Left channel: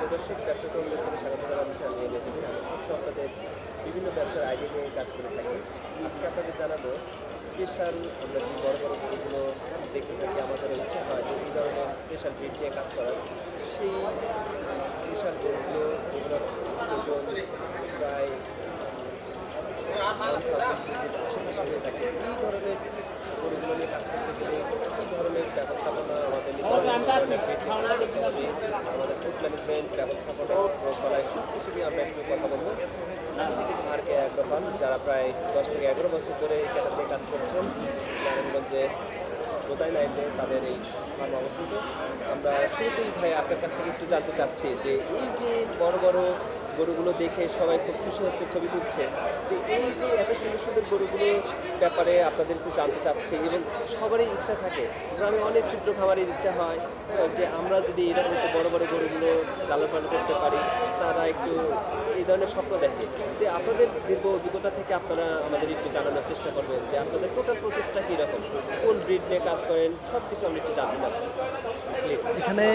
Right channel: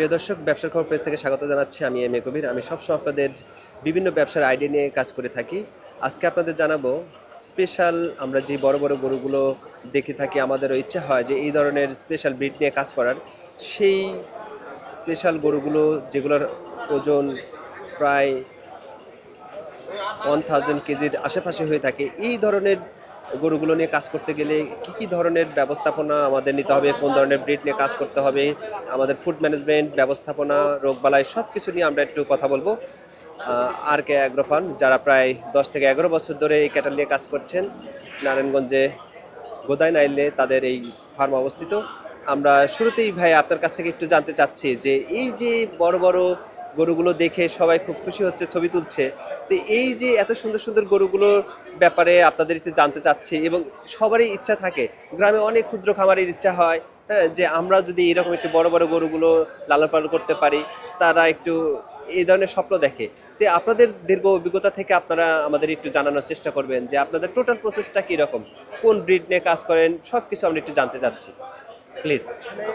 প্রিয় দর্শক, ব্যবসার খবর পেজ থেকে স্বাগত জানাচ্ছি। আমি এম এ কবির। আমি সবসময় আপনাদের বিভিন্ন ব্যবসার আইডিয়া নিয়ে কাজ করে থাকি। আজকে আপনাদের জানাবো স্পেশাল আমরা যে বড়, বড় গরুগুলো দেখে থাকি, আমাদেরও ইচ্ছা হয় যে এই ধরনের স্পেশাল ব্রিড নিয়ে কাজ করার। সেই স্পেশাল গরুগুলো যেগুলোর ওজন প্রায় 1000 কেজির আশেপাশে হয়ে থাকে। এই ধরনের গরুগুলো নিয়ে কাজ করতে গেলে কি ধরনের ব্যবস্থাপনা আমাদের নিতে হবে? কোন ধরনের ব্রিড নিয়ে কাজ করতে হবে? আমাদের ফুড ম্যানেজমেন্ট, ব্যবস্থাপনা, রোগবালাই সবকিছু নিয়ে আমরা একটু কথা বলবো। আর.কে অ্যাগ্রো ফার্ম যারা প্রায় 10 থেকে 11 বছর ধরে এই ক্যাটল নিয়ে কাজ করছেন। নারায়ণগঞ্জে গোদাইনাইলে তাদের এই ফার্ম অবস্থিত। আমরা শুরুতেই ভাই আপনার কাছ থেকে একটু জানতে চাচ্ছি যে এই যে বড়, বড় গরুগুলো দেখে সবাই খুব খুশি হচ্ছে, ছবি তুলছে। তো এই যে এত সুন্দর, সুন্দর গরুগুলোর ব্যাপারে আপনাদের একটু জানতে চাচ্ছি এবং সবারই ইচ্ছা থাকে। গ্রামে অনেক ক্ষুদ্র খামারের ইচ্ছা হয়, হ্যাঁ? যে আমরা যদি এরকম একটু বড়, বড় গরুগুলো লালন-পালন করতে পারি, তারা একটু এই ধরনের স্বপ্ন দেখে। তো আপনাদের দীর্ঘ অভিজ্ঞতা থেকে আপনারা আমাদের একটু জানানোর চেষ্টা করবেন যে আপনাদের টোটাল প্রসেসটা কিরকম? কোন ব্রিড নিয়ে কাজ করেন? সবকিছু আমরা একটু জানতে চাচ্ছি। প্লিজ। এখানে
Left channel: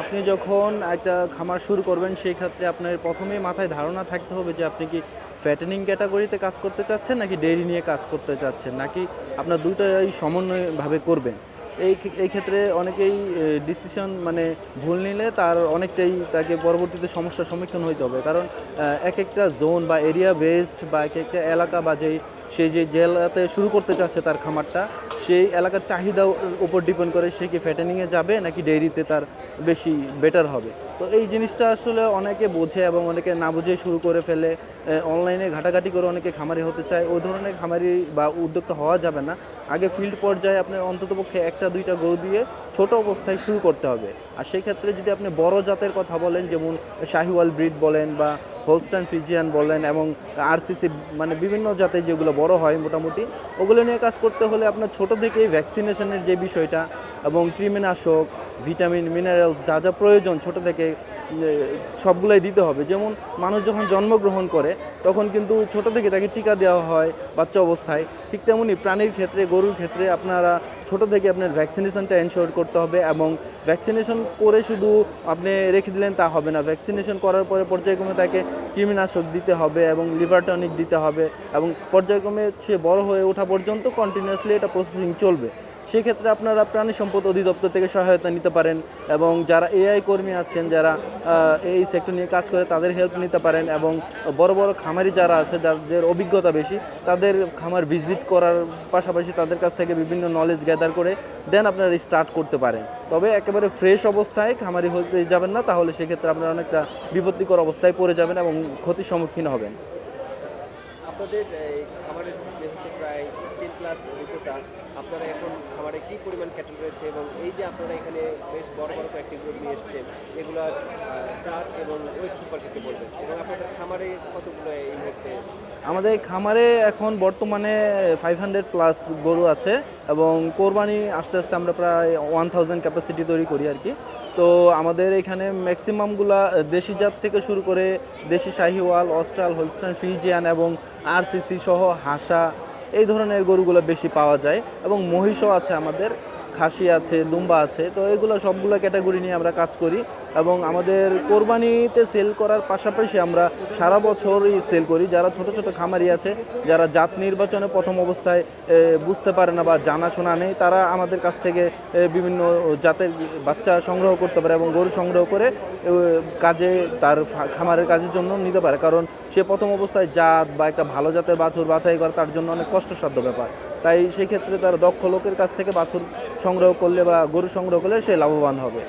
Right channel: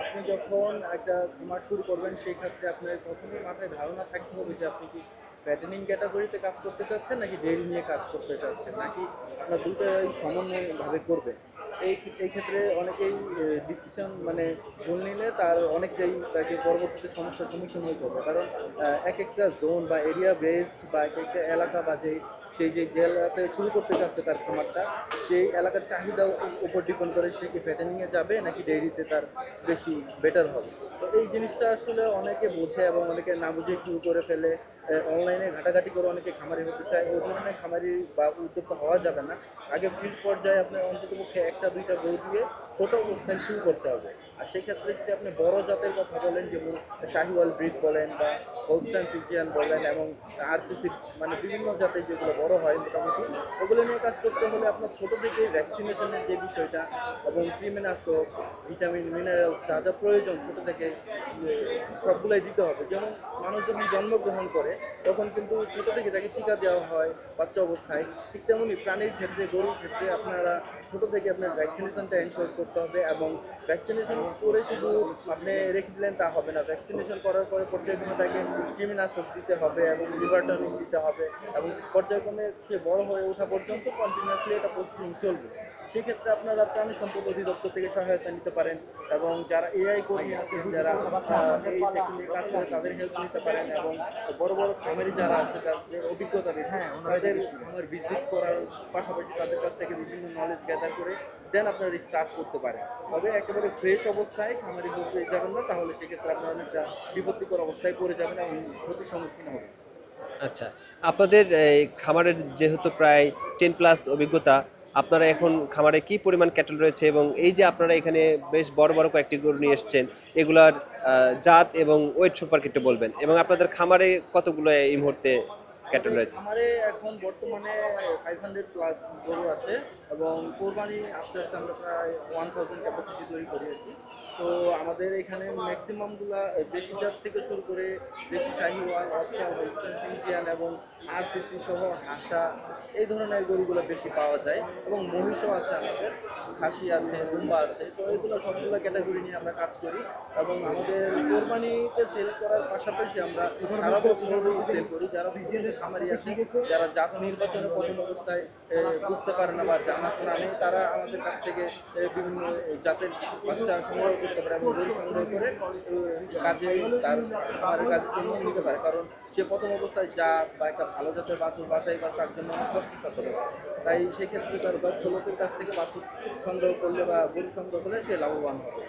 আপনি যখন একটা খামার শুরু করবেন সেই ক্ষেত্রে আপনার প্রথমেই মাথায় ধারণা থাকতে হবে যে আপনি কি ফ্যাটেনিং ক্যাটাগরিতে কাজ করতে চাচ্ছেন নাকি ডেইরি নিয়ে কাজ করতে চাচ্ছেন নাকি আপনার দুটাই সমন্বয়ভাবে করবেন। এই ক্ষেত্রে অনেকেই ডিসিশন মানে ভুল নিলে তার অনেকটাই তাকে পরবর্তীতে সমস্যার সম্মুখীন হইতে হবে, কারণ এক একটা জোন বা এরিয়া বেসড বা এক একটা এলাকা বা সেই যে জেলাতে শুরু করতে চাচ্ছে তার খামারটা, সেই এলাকার চাহিদার উপর ডিপেন্ড করে সে কি ফ্যাটেনিংয়ে যাবে নাকি ডেইরিতে তার বেশি বেটার হবে। তো এই জিনিসটা আসলে অনেকে বোঝে এবং অনেকে না বুঝেই শুরু করে ফেলে। অনলাইনে ঘাটাঘাটি করে অনেকে খামারি হতে চায়, ওই ধরনের খামারি বা উদ্যোক্তা হওয়া যাবে না। আগে ফিল্ড পর্যায়ে আপনার অন্ততপক্ষে একটা দুইটা গরু দিয়ে ছোট অবস্থায় শুরু করতে হবে। আর সেই ক্ষেত্রে যদি আপনি বড় জাতের কথা বলেন, যেমন শাহিওয়াল ব্রিড বলেন বা হোলস্টাইন ফ্রিজিয়ান বলেন এবং আরসিসি, মানে বিভিন্ন জাতের যেগুলো বড় হয় মোটামুটি, ওগুলো নিয়ে কাজ করতে হলে আপনার ছোট থেকেই ভ্যাকসিনেশনের যে বিষয়টা এবং কৃমিনাশক, ভিটামিন, মিনারেলস যা যা প্রয়োজন ছোট থেকে সবগুলোই দিতে হবে। যেমন মানুষ যখন জন্মগ্রহণ করে তখন কিন্তু ছোট থেকে তাকে টিকা দেওয়া হয় বাচ্চা অবস্থায়, ঠিক তেমনি প্রাণীর ক্ষেত্রে গরুর ক্ষেত্রে আপনারা ছোট থেকে আপনার ভ্যাকসিনেশনটা এনশিওর করতে হবে। এবং ভ্যাকসিনেশন করে শুধু আপনি রেখে দিলেন তা হবে না, ভ্যাকসিনেশন করার পরে পর্যায়ক্রমে তাকে কৃমিনাশক দিতে হবে এবং লিভার টনিক দিতে হবে এবং পর্যায়ক্রমে সে বড় হয়ে ওঠা পর্যন্ত কন্টিনিউয়াসলি এটা প্রসেসিং চলবে। সেই ক্ষেত্রে আপনারা প্রাণী সম্পদ অধিদপ্তর থেকে সহায়তা নিতে পারেন এবং যারা এআই কর্মী আছেন যারা এই সেক্টর নিয়ে কাজ করে তাদের হেল্প নিতে পারেন এবং বড় বড় খামারি যারা আছে যাদের অভিজ্ঞতা বেশি তাদের খামার ভিজিট করার পাশাপাশি তাদের কাছ থেকে বিভিন্ন নলেজ গ্যাদার করে দেন আপনারা স্টার্ট করতে পারেন। তবে একেবারে ফ্রেশ অবস্থায় খামারি হতে যাবেন না, তাহলে সেক্ষেত্রে আপনারা অনেকটা বিপত্তিকর অবস্থায় পড়ে যাবেন এবং ক্ষতির সম্মুখীন হবেন। আচ্ছা। আপনাদের এই খামারের যেহেতু প্রায় 10 প্লাস অভিজ্ঞতা, আপনারা এখন খামারে কি পরিমাণ ক্যাটল রয়েছে এবং এই যে আপনারা এখানে বেশ বড়, বড় কয়েকটি গরু নিয়ে এসছেন, এগুলার জাত এবং ওয়েট সম্পর্কে একটু বলবেন এবং আপনাদের খামারে কতগুলো এই মুহূর্তে ক্যাটল আমাদের রয়েছে? খামারে এখন বর্তমানে 500 প্লাস গরু আছে এবং কোরবানি আস্তে আস্তে আমরা প্রায় 1000 ক্যাপাসিটি তৈরি করি আর কি। তো আমাদের এখানে ম্যাক্সিমামগুলা দেশি জাত থেকে শুরু করে দেশি শাহিওয়াল, অস্ট্রাল, হোলস্টাইন ফ্রিজিয়ান এবং আরসিসি সহ হাসা, এই ধরনের গরুগুলো বেশি পাওয়া যায় এবং মহিষও আছে আমাদের, খাসি আছে, দুম্বা আছে। তো এগুলো সবগুলো ক্যাটাগরি নিয়ে আমরা কাজ করি এবং আমাদের কোরবানিতে সেল করার পাশাপাশি আমরা সারা বছরই সেল করি। যারা ছোট ছোট খামারি আছে, যারা জাত নির্বাচনে প্রথম অবস্থায় বুঝতে পারে না বা জানাশোনা নেই, তারা আমাদের কাছ থেকে বিভিন্ন জাতের বাচ্চা সংগ্রহ করতে পারে এবং গরু সংগ্রহ করে কাজে তার খামারের কাজের জন্য নিতে পারে, কারণ সে প্রথম অবস্থায় জাত বা একটা ভালো জাতের বাছুর বাছাই করা তার জন্য অনেক কষ্টসাধ্য ব্যাপার। তাই সেক্ষেত্রে তার দক্ষ লোকের কাছ থেকে বাছুর সংগ্রহ করলে বা গরু সংগ্রহ করলে সে লাভবান হবে।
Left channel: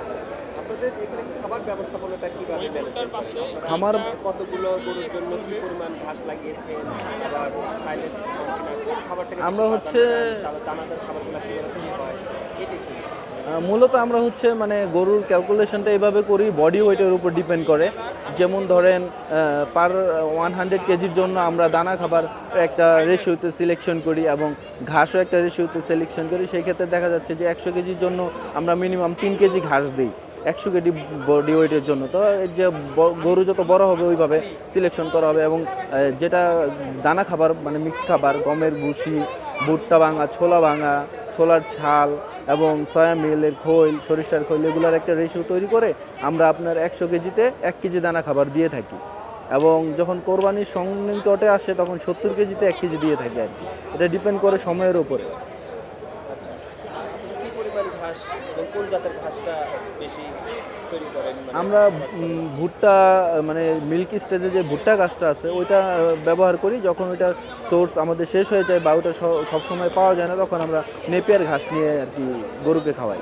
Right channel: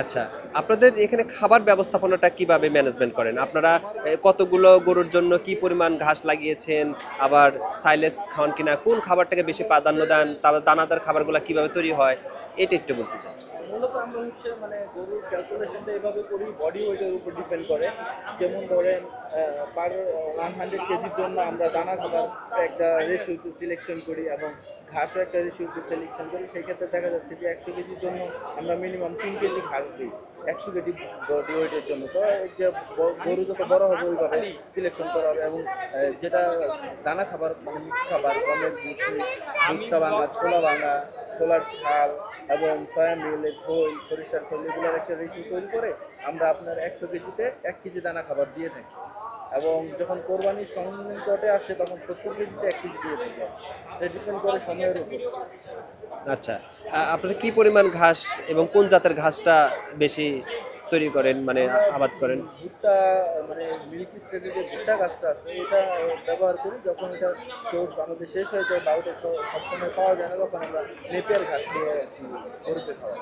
আচ্ছা, আপনাদের এখানে খাবার ব্যবস্থাপনাটা কিভাবে ম্যানেজমেন্ট করেন? আপনারা আমার কতগুলো গরুর জন্য কি পরিমাণ ঘাস লাগিয়েছেন? আবার সাইলেজ খাওয়ান কিনা? কোন খাবারটাকে বেশি আমরা হচ্ছে প্রাধান্য দেন? তারপর দানাদার খাবারগুলা কিভাবে তৈরি হয়? এটা একটু বলতে চাই। মূলত আমরা হচ্ছে মানে গরুর ক্যালকুলেশনটা এইভাবে করি, বডি ওয়েটের উপর ডিপেন্ড করে। যেমন ধরেন পার 100 কেজির জন্য আমরা দানা খাবার একটা রেশিওতে সিলেকশন করি এবং ঘাসও একটা রেশিওতে সিলেকশন করি। সেই ক্ষেত্রে দেখা যাচ্ছে যে 100 কেজির জন্য আমরা মিনিমাম 3 কেজি ঘাস দিই 100 কেজি বডি ওয়েটের জন্য। তো এই যে গরু যত বড় হবে ওইভাবে সিলেকশন করা হবে এবং যেটা দানা খাবার মানে মিক্স খাবার, গমের ভুসি, ভুট্টা ভাঙা, ছোলা ভাঙা, ছোলার ছাল এবং সয়া মিলের খৈল, সরিষার খৈল, এগুলোর একটা রেশিও তৈরি করে আমরা আপনার 100 কেজিতে 1 কেজি দানা খাবার দিয়ে থাকি। এবং যখন কোরবানির সন্নিকটে আসে তখন 70 কেজিতে 1 কেজি দিয়ে থাকি আর কি। এটা ডিপেন্ড করে সময়ের উপরে। আচ্ছা, আপনারা কি পরিমাণ ঘাস এবং কোন জাতের ঘাসটা বেশি তৈরি করেন, মানে আমরা আবাদ করেন? ভুট্টা মানে মিল্কি স্টেজে যে ভুট্টা গাছটা আছে ওইটা ব্যবহার করি। যখন ওইটা সোর্স আমাদের শেষ হয়ে যায় বা ওটা সবসময় পাওয়া যায় না, তখন আমরা নেপিয়ার ঘাস নিয়ে আর কি গরুকে খাওয়াই।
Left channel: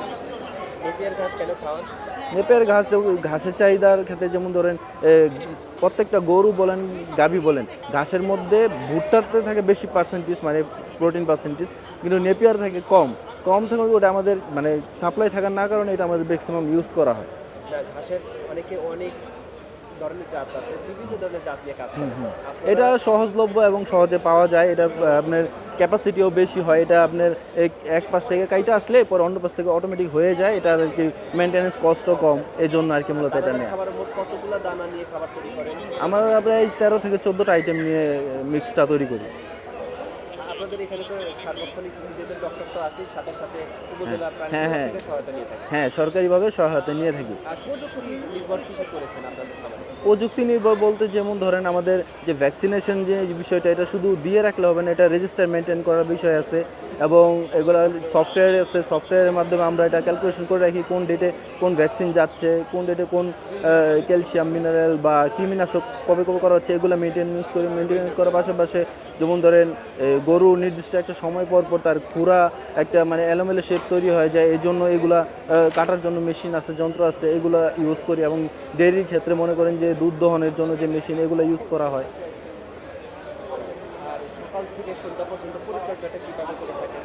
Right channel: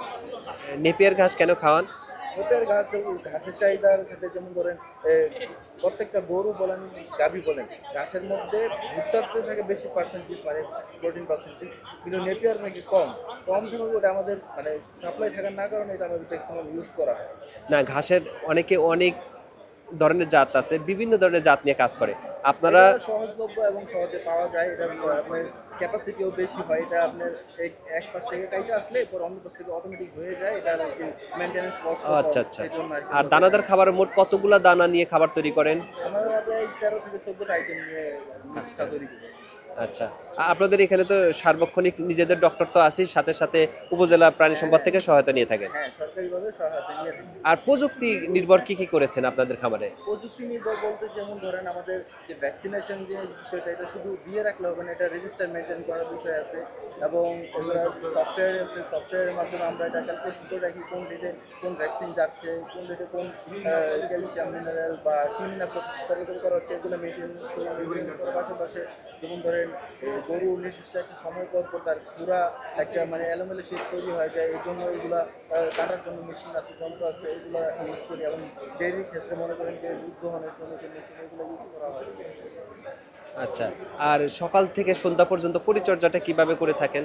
নেপিয়ার ঘাস কেন খাওয়ান? নেপিয়ার ঘাস ঘাসের চাহিদার ক্ষেত্রে যেমন ধরেন প্রত্যেকটা গরু বলেন গাভী বলেন ঘাসের মধ্যে ভুট্টাতে থাকে বেশি পার্সেন্টেজ মানে প্রোটিন পার্সেন্টেজ, কিন্তু নেপিয়ার থাকে কম থেকে ওটা আমাদের মানে সাপ্লাই থাকার না কারণে এটা আমাদের ম্যাক্সিমাম ইউজ করা হয়। না, ঘাসের অনেক ধরনের জাত আছে, বিভিন্ন ধরনের জাত নিয়ে কাজ করে। আপনারা এটা সহজলভ্য এবং সহজে পাওয়া যায়। এটা আপনার ক্যাপাসিটিও বেশি হয়। এটা আপনার এক পাশ থেকে কাইটা আসলে পরে অন্য পাশ থেকে অটোমেটিক হয়ে যায়। এটা আর কি মেইনটেনেন্স কস্টও কম, আচ্ছা, আচ্ছা। এই জন্য আর কি আর মূলত দানাদার এটা খাবার মোট কতগুলা দানা নিয়ে খাবার তৈরি করেন? আমরা প্রায় 13 থেকে 14টা আইটেম নিয়ে মিক্সটা তৈরি করি। আচ্ছা, আপনাদের এখানে তো সার্বক্ষণিক নিজেদের ডক্টর তো আছেই, সাথে সাথে উপজেলা প্রাণী হ্যাঁ, সম্পদ হ্যাঁ। থেকে সহায়তা নিয়ে থাকেন। হ্যাঁ, সরকারিভাবে সহায়তা নিয়ে থাকি। আর প্রযুক্তি নির্ভর কি করেছেন আপনাদের খামারে? প্রযুক্তি নির্ভর বলতে যেমন ধরেন আমাদের যে ভ্যাকসিনেশন যে বিষয়টা, এটা শুধু দিয়ে রাখলে হবে না, এটা রেজিস্টার মেনটেন করার বিষয় আছে এবং এগুলো সফটওয়্যার আছে। সফটওয়্যারের মাধ্যমে আমরা এটা ক্যালকুলেশন করে রাখি কোন ডেটে কোন ভ্যাকসিন যাচ্ছে, কোন ডেটে কোন ক্যালসিয়াম মিনারেল বা কৃমিনাশক কবে করা হচ্ছে, এগুলো মেনটেনেন্স করার পাশাপাশি যেমন ধরেন গরু নির্দিষ্ট একটা সময় পর তার খুরা একটা মানে এলোমেলো শেপ তৈরি হয়ে যায়, এই জন্য এগুলা কাটার জন্য মেশিন আছে, যন্ত্র আছে, এগুলো ইউজ করি। এবং ডেয়ারির ক্ষেত্রে মনে করেন যে দুধ দহনের জন্য যে মেশিন, এগুলো ইউজ করা হয়। আচ্ছা, আর সকাল থেকে সন্ধ্যা পর্যন্ত পরিচর্যাটা কিভাবে করে থাকেন?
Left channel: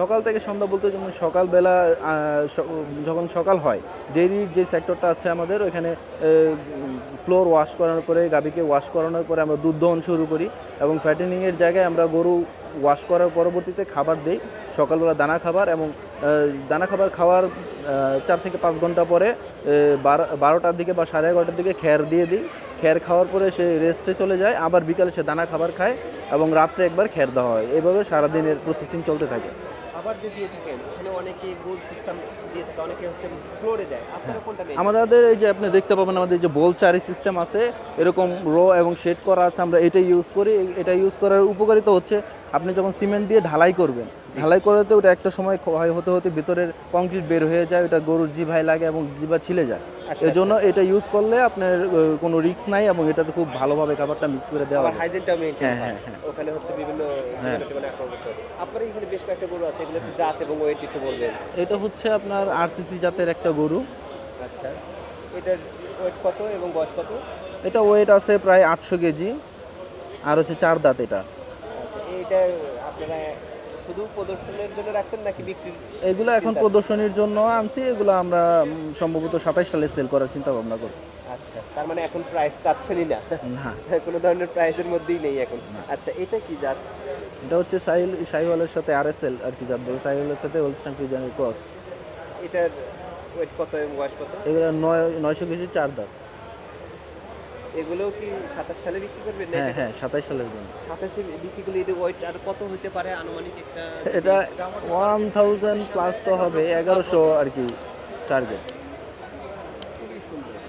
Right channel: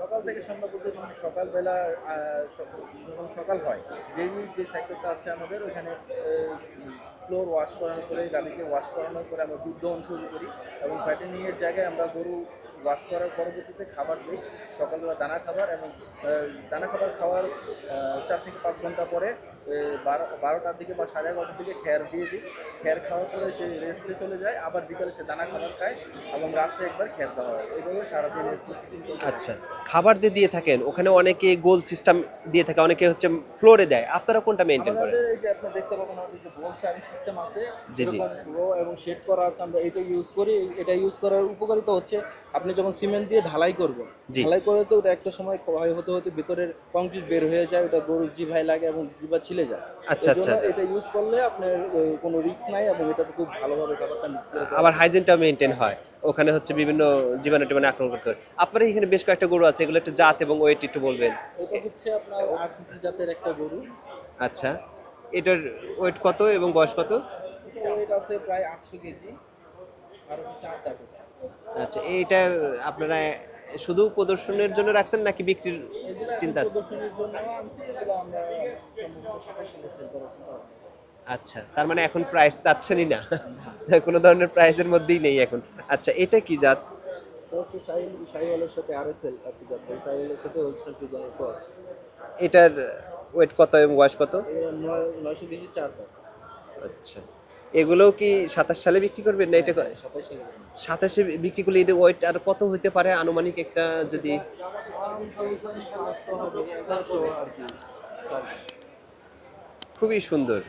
সকাল থেকে সন্ধ্যা বলতে যেমন সকালবেলা যখন সকাল হয়, ডেইরির যে সেক্টরটা আছে আমাদের ওইখানে ফ্লোর ওয়াশ করানোর পরে, গাভীকে ওয়াশ করানোর পরে আমরা দুধ দহন শুরু করি এবং ফ্যাটেনিংয়ের জায়গায় আমরা গরু ওয়াশ করার পরবর্তীতে খাবার দিই। সকালবেলা দানা খাবার এবং দানা খাবার খাওয়ার 4 থেকে 5 ঘন্টা পরে 12টার দিকে বা 11:30টার দিকে খ্যার দিয়ে দিই। খ্যার খাওয়ার পরে সে রেস্টে চলে যায়, আবার বিকালে সে দানা খাবার খায় এবং রাত্রে একবার খ্যার দেওয়া হয়। এইভাবে সারাদিনের প্রসেসিং চলতে থাকে। আচ্ছা, খাবার যে দিয়ে থাকেন ওখানে অনেকে গোল সিস্টেম দিয়ে থাকে, অনেকে হচ্ছে ফ্লোরে দেয়, আপনারা কোনটা মেইনটেইন করেন? আমাদের এই যে আপনি দেখতে পাবেন আমাদের যে বল চারি সিস্টেম আছে, এরকম রো এবং শেড করা আছে, আমরা এটা ইউজ করি। এটা ইউজ করার উপকারিতা হচ্ছে আপনি যখন সিমেন্ট দিয়ে ঢালাই করবেন, ঢালাই করাতে ওটা একটা সময় ক্ষয় হতে ভিতরের কংক্রিট বের হয়ে যায়, ওটা গরুর জিভায় লাগে এবং জিভা ছিলে যায়। এই জন্য এটা ইউজ করলে আপনার কোনো রিস্ক নাই এবং এটাতে খুব ভালোভাবে খাবারটা মিক্স করে দেওয়া আবার হয়। হাইজিনটা মেইনটেইন হয়। ওখানে হচ্ছে বিভিন্ন জীবাণু টিবাণু আক্রমণ করতে হয়। আপনারা এখানে বেশ কয়েকটা গরু আছে, এগুলো একটু জাত এবং ওয়েট একটু বলবেন? এটা হচ্ছে আপনার আরসিসি জাতের একটা গরু। আচ্ছা, এটার ওয়েট কত এবং বয়স কত? এটা ওয়েট আছে প্রায় 800 কেজি আর হচ্ছে 4 দাঁত এটা। আচ্ছা, এইটা আপনারা শুধু প্রদর্শনের জন্য রাখছেন নাকি বিক্রির? এগুলো এখন প্রদর্শনীর জন্য আনছি। এগুলো আমরা সম্ভবত 27 সালে সেল করার চিন্তা ভাবনা করি। আচ্ছা, তার মানে এখন প্রাইস চাচ্ছেনই না? না, কোনো ধরনের প্রাইসের মধ্যেই নেই এখন। আচ্ছা, এটা কি জাত? এটা হচ্ছে সাইওয়ালের সাথে আরএসএল আর কি জাত বলে, সাইওয়ালের সাথে হোলস্টাইন ফ্রিজিয়ানের ক্রস। এটার ওয়েট কত এবং বয়স কত? এগুলো 900 কেজি 4 দাঁত। আচ্ছা, এগুলোও কি 27 সালে বিক্রি করবেন না? এটা হ্যাঁ, 27 সালের জন্য। 27 এ বিক্রি করলে এটা ওয়েট আর কত হতে পারে আনুমানিক একটা? এটা 1000 প্লাস তো হবে, 1100 আর কি টার্গেট। খুবই সুন্দর।